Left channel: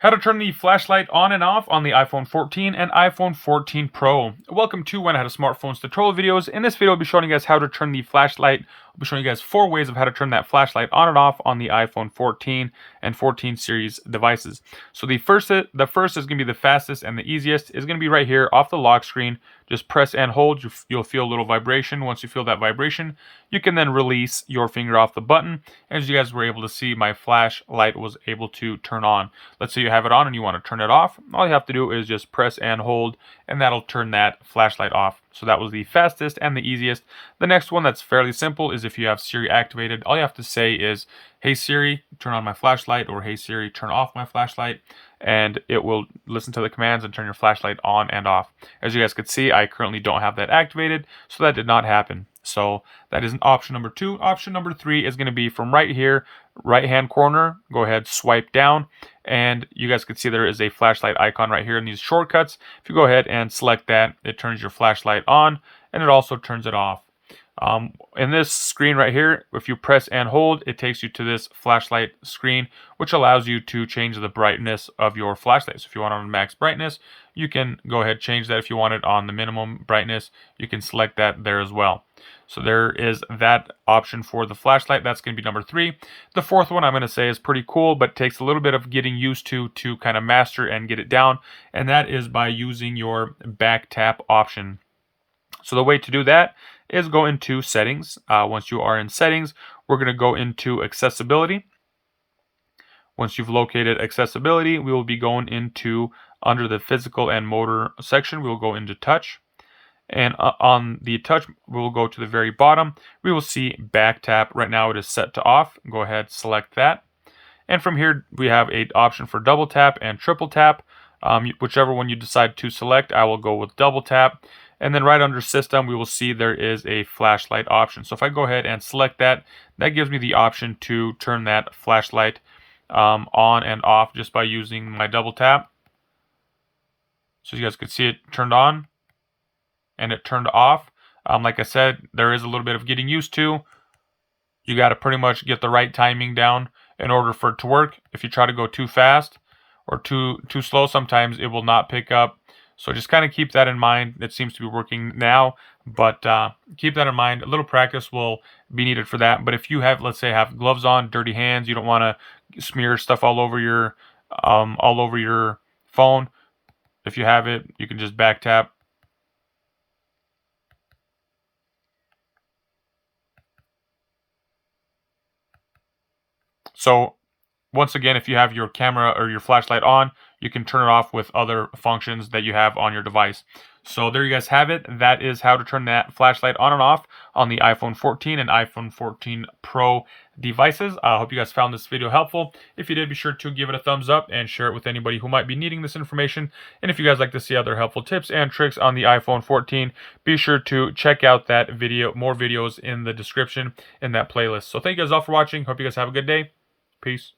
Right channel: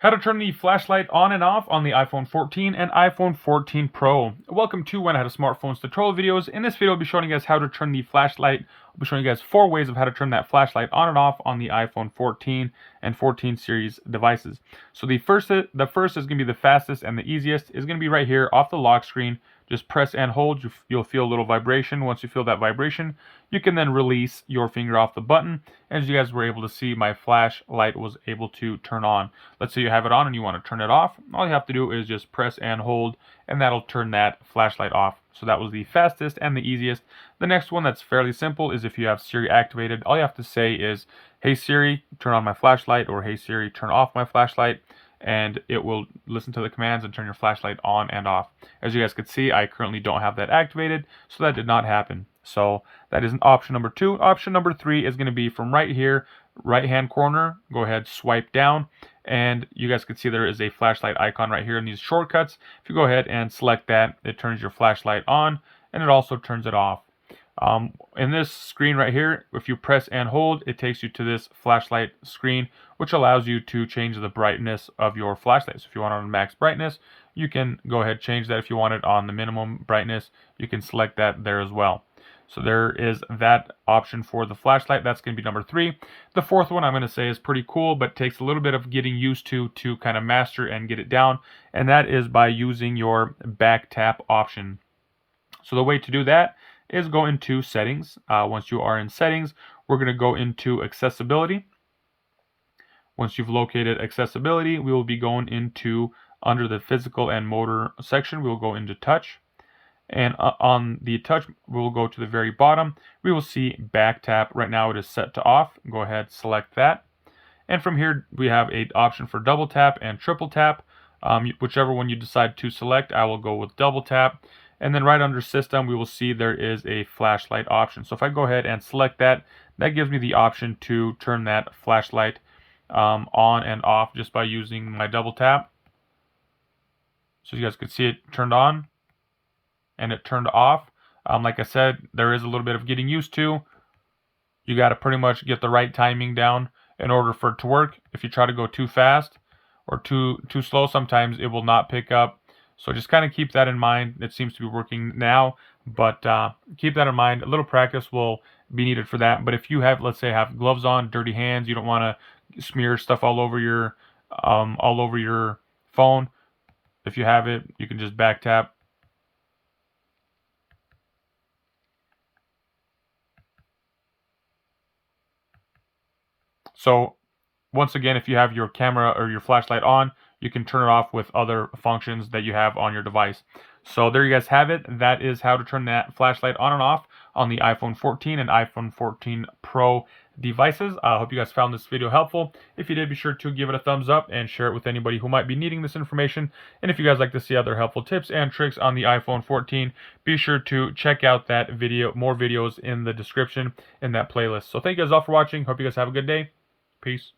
How to turn the flashlight on and off on the iPhone 14 and iPhone 14 Pro. Welcome to When I Had a Smartphone's tutorial videos. In this video, I'll be showing you guys how to turn the flashlight. I'll be showing you guys 4 ways of how to turn that flashlight on and off on the iPhone 14 and 14 series devices. So the first is going to be the fastest and the easiest. Is going to be right here off the lock screen. Just press and hold. You'll feel a little vibration. Once you feel that vibration, you can then release your finger off the button. As you guys were able to see, my flashlight was able to turn on. Let's say you have it on and you want to turn it off. All you have to do is just press and hold, and that'll turn that flashlight off. So that was the fastest and the easiest. The next one that's fairly simple is if you have Siri activated. All you have to say is, "Hey Siri, turn on my flashlight," or "Hey Siri, turn off my flashlight," and it will listen to the commands and turn your flashlight on and off. As you guys can see, I currently don't have that activated, so that did not happen. So that is option number 2. Option number 3 is going to be from right here, right hand corner. Go ahead, swipe down, and you guys can see there is a flashlight icon right here in these shortcuts. If you go ahead and select that, it turns your flashlight on, and it also turns it off. In this screen right here, if you press and hold, it takes you to this flashlight screen, which allows you to change the brightness of your flashlight. So if you want it on max brightness, you can go ahead, change that. If you want it on the minimum brightness, you can select that there as well. So there is that option for the flashlight. That's going to be number 3. The fourth one I'm going to say is pretty cool, but takes a little bit of getting used to kind of master and get it down. And that is by using your back tap option. So the way to do that is go into settings. Once you are in settings, we're going to go into accessibility. Once you've located accessibility, we will be going into under the physical and motor section. We will go into touch. And on the touch, we will go to the very bottom. We will see back tap. Right now it is set to off. Go ahead, select that. And from here, we have an option for double tap and triple tap. Whichever one you decide to select, I will go with double tap. And then right under system, we will see there is a flashlight option. So if I go ahead and select that, that gives me the option to turn that flashlight on and off just by using my double tap. So you guys can see it turned on and it turned off. Like I said, there is a little bit of getting used to. You got to pretty much get the right timing down in order for it to work. If you try to go too fast or too slow, sometimes it will not pick up. So just kind of keep that in mind. It seems to be working now, but keep that in mind. A little practice will be needed for that. But if you have, let's say, have gloves on, dirty hands, you don't want to smear stuff all over your phone. If you have it, you can just back tap. So once again, if you have your camera or your flashlight on, you can turn it off with other functions that you have on your device. So there you guys have it. That is how to turn that flashlight on and off on the iPhone 14 and iPhone 14 Pro devices. I hope you guys found this video helpful. If you did, be sure to give it a thumbs up and share it with anybody who might be needing this information. And if you guys like to see other helpful tips and tricks on the iPhone 14, be sure to check out that video, more videos in the description in that playlist. So thank you guys all for watching. Hope you guys have a good day. Peace.